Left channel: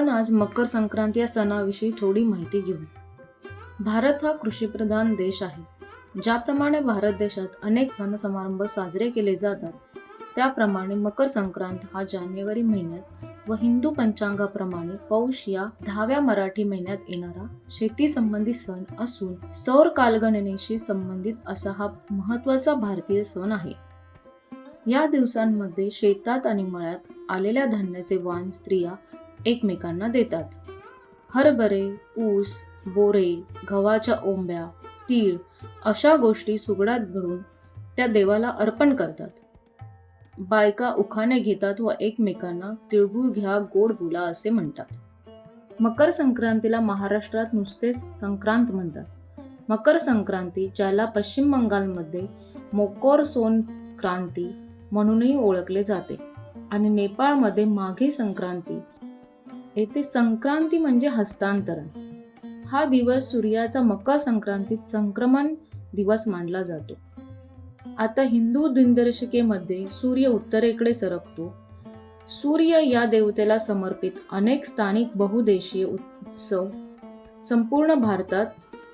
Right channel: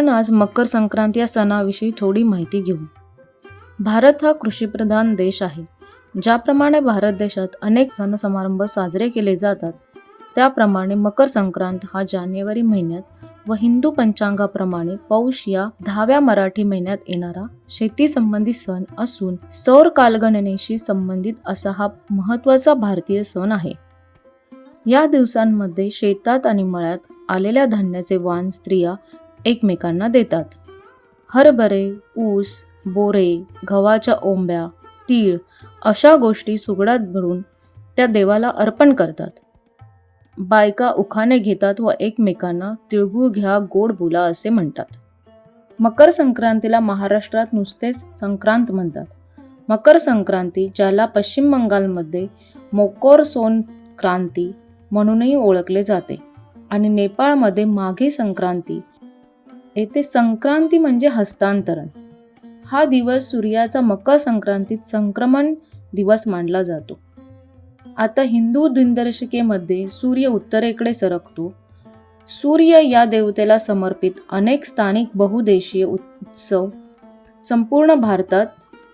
आपण आज मकर संक्रांत या सणाविषयी थोडी माहिती घेऊ. भारत हा कृषीप्रधान देश आहे. ज्याप्रमाणे भारत देशात अनेक सण समारंभ साजरे केले जातात त्याप्रमाणे मकर संक्रांत हा जानेवारी महिन्यात व हिंदू पंचांगाप्रमाणे पौष या दहाव्या मराठी महिन्यात येणारा शेती संबंधित सण असून सौर कालगणनेशी संबंधित असा हा महत्त्वाचा भारतीय सण आहे. या दिवसांमध्ये शेतात आणि मळ्यात आलेल्या धान्याचे वाण स्त्रिया एकमेकांना देतात. हरभरे ऊस बोरे गव्हाच्या ओंब्या तीळ अशा गोष्टी सुगडात भरून त्या देवाला अर्पण करतात. बायका उखाणे घेतात व एकमेकांना तिळगुळ घ्या गोड बोला असे म्हणतात. मकर संक्रांतीला महाराष्ट्रात नुसतेच संक्रांत म्हणतात. मकर संक्रांती ज्याला पश्चिम बंगालमध्ये मोकोर क्रांती म्हणूनही ओळखले जाते. आणि नेपाळमध्ये माघी संक्रांती येथे संक्रांती म्हणजे हस्तांतरण. हा दिवस सूर्याचा मकर संक्रांतीत संक्रमण दिवस मानला जातो. आता हिंदू दिनदर्शिकेमध्ये सूर्य उत्तरेकडे सरकतो. सूर्य या देवतेला समर्पित अनेक स्थानिक बहुदेशीय उत्सव संपूर्ण भारतात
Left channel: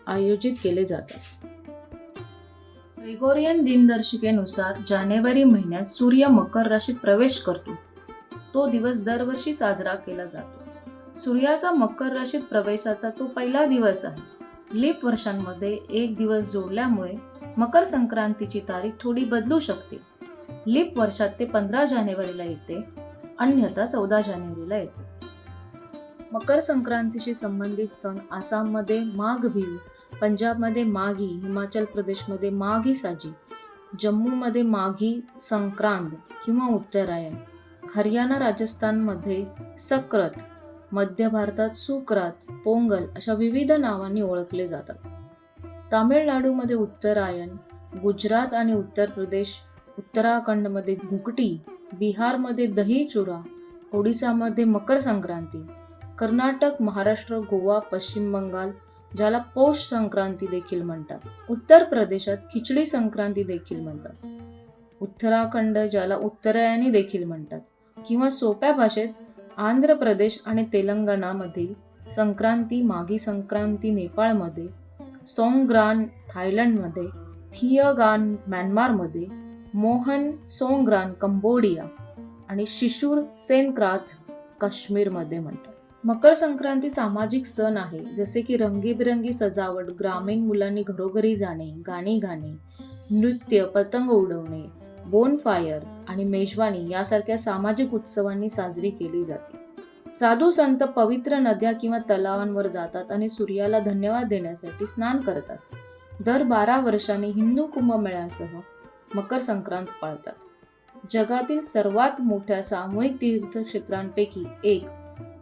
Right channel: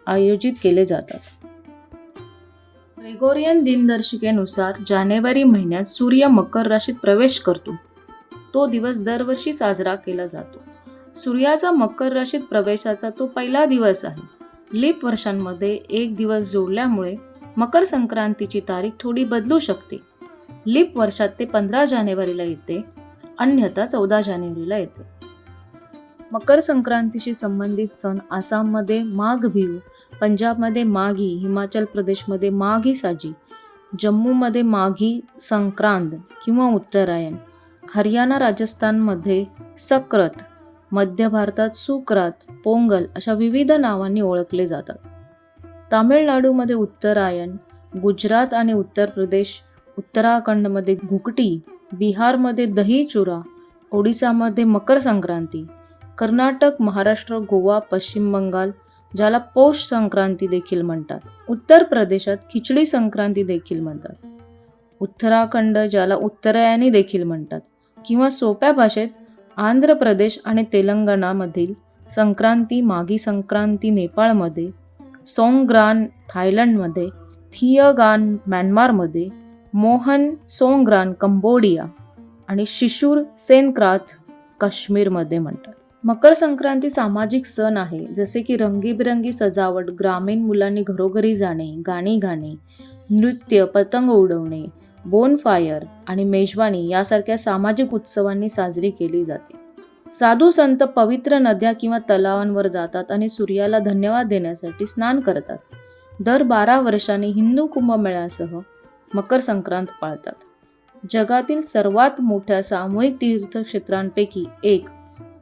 आयोजित केले जातात. ग्रेगोरियन दिनदर्शिकेनुसार जानेवारी महिन्यात सूर्य मकर राशीत प्रवेश करतो. तो दिवस दरवर्षी साजरा केला जातो. सूर्याचा मकर राशीत प्रवेशाचा तो पहिला दिवस आहे. लीप वर्षांमध्ये एक दिवस जोडल्यामुळे मकर संक्रांतीची तारीख थोडी बदलू शकते. लीप वर्षात ते पंधरा जानेवारीला येते अन्यथा चौदा जानेवारीला येते. मकर संक्रांतीशी संबंधित सण आसाममध्ये माघ बिहू पंजाबमध्ये माघी हिमाचल प्रदेशमध्ये माघी साजी जम्मूमध्ये माघी संक्रांत किंवा उत्तरायण हरियाणा राजस्थानमध्ये सक्रत मध्य भारतात सुक्रात पोंगल अशा विविध नावांनी ओळखले जातात. तामिळनाडूमध्ये उत्तरायण गुजरात आणि उत्तर प्रदेश उत्तराखंडमध्ये घुकटी बिहारमध्ये दही चुरा ओडिसामध्ये मकर संक्रांती कर्नाटक महाराष्ट्र गोवा पश्चिम बंगाल ज्याला पौष संक्रांती देखील म्हणतात. उत्तर प्रदेशात खिचडी संक्रांती देखील म्हणतात. उत्तराखंड ज्याला उत्तरायणी देखील म्हणतात. किंवा सोप्या भाषेत आंध्र प्रदेश आणि तेलंगणामधील संक्रांती मागी संक्रांती नेपाळमध्ये सोंग्रान थायलंडमध्ये थियगान म्यानमारमध्ये मोहन सोंग्रान कंबोडिया आणि शिशूर सेनक्राथ काश्मीरमध्ये म्हणतात. मकर संक्रांती सामाजिक सण आहे जसे की रंगीबिरंगी सजावट ग्रामीण मुलांनी घरोघरी जाणे गाणी गाणे नृत्य पतंग उडवणे बोनफायर आणि मेजवानी यासारख्या सामाजिक उत्सवांनी साजरी केली जाते. साधू संत पवित्र नद्या किंवा तलावांवर जातात आणि सूर्याला धन्यवाद देण्यासाठी स्नान करतात. दर बारा वर्षांनी हिंदू कुंभमेळ्यासह मकर संक्रांत पाळतात. जगातील सर्वात मोठ्या सामूहिक तीर्थक्षेत्रांपैकी एक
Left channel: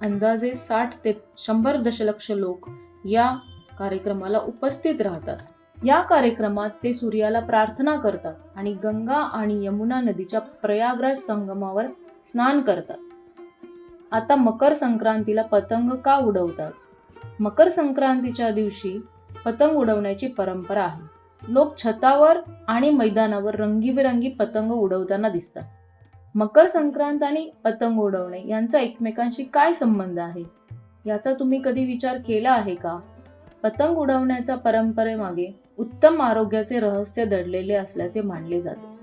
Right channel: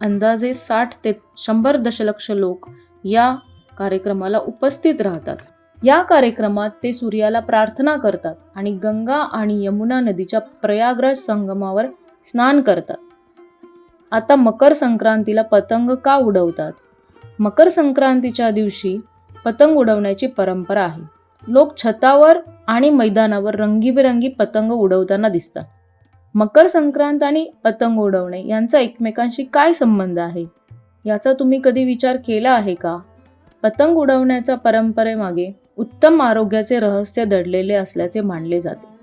अंदाजे साठ ते शंभर दशलक्ष लोक या कार्यक्रमाला उपस्थित राहतात. या कार्यक्रमात ते सूर्याला प्रार्थना करतात आणि गंगा आणि यमुना नदीच्या प्रयागराज संगमावर स्नान करतात. आता मकर संक्रांतीला पतंग का उडवतात? मकर संक्रांतीच्या दिवशी पतंग उडवण्याची परंपरा आहे. लोक छतावर आणि मैदानावर रंगीबेरंगी पतंग उडवताना दिसतात. मकर संक्रांत आणि पतंग उडवणे यांचा एकमेकांशी काय संबंध आहे? याचा तुम्ही कधी विचार केला आहे का? पतंग उडवण्याच्या परंपरेमागे उत्तम आरोग्याचे रहस्य दडलेले असल्याचे मानले जाते.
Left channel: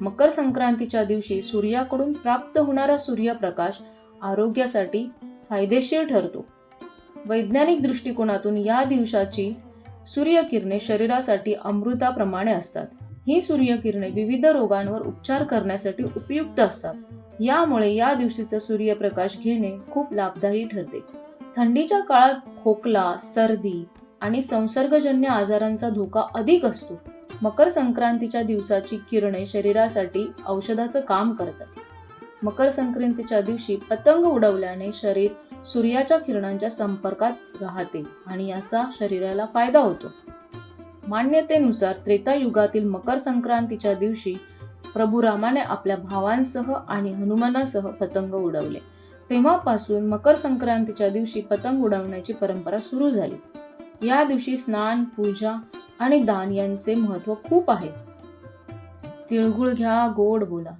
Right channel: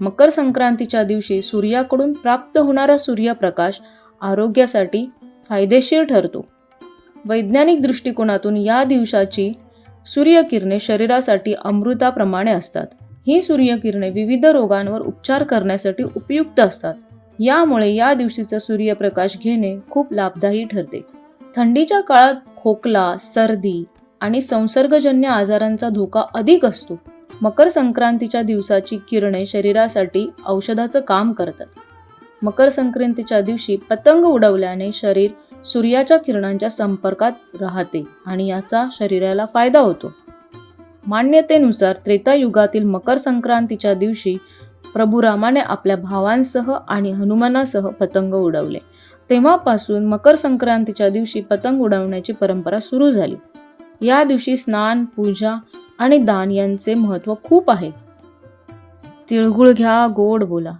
मकर संक्रांतीच्या दिवशी सूर्याकडून प्राप्त होणारा सूर्यप्रकाश आरोग्यासाठी फायदेशीर ठरतो. वैज्ञानिक दृष्टिकोनातून या दिवसाची सूर्यकिरणे शरीरासाठी अमृताप्रमाणे असतात. ही सूर्यकिरणे विविध रोगांवर उपचार करण्यासाठी उपयुक्त असतात. यामुळे या दिवशीचा सूर्यप्रकाश घेणे खूप लाभदायी ठरते. थंडीच्या काळात खोकला सर्दी आणि संसर्गजन्य आजारांचा धोका अधिक असतो. मकर संक्रांतीच्या दिवसाची किरणे शरीरासाठी औषधाचं काम करतात. मकर संक्रांतीच्या दिवशी पतंग उडवल्याने शरीर सूर्याच्या किरणांच्या संपर्कात राहते आणि याचा शरीराला फायदा होतो. मान्यतेनुसार त्रेतायुगातील मकर संक्रांतीच्या दिवशी प्रभू रामाने आपल्या भावांसह आणि हनुमानासह पतंग उडवले. तेव्हापासून मकर संक्रांतीच्या दिवशी पतंग उडवण्याची परंपरा सुरू झाली. या दिवशी स्नान पूजा आणि दान यांचे महत्त्व खूप आहे. तिळगुळ घ्या गोड बोला.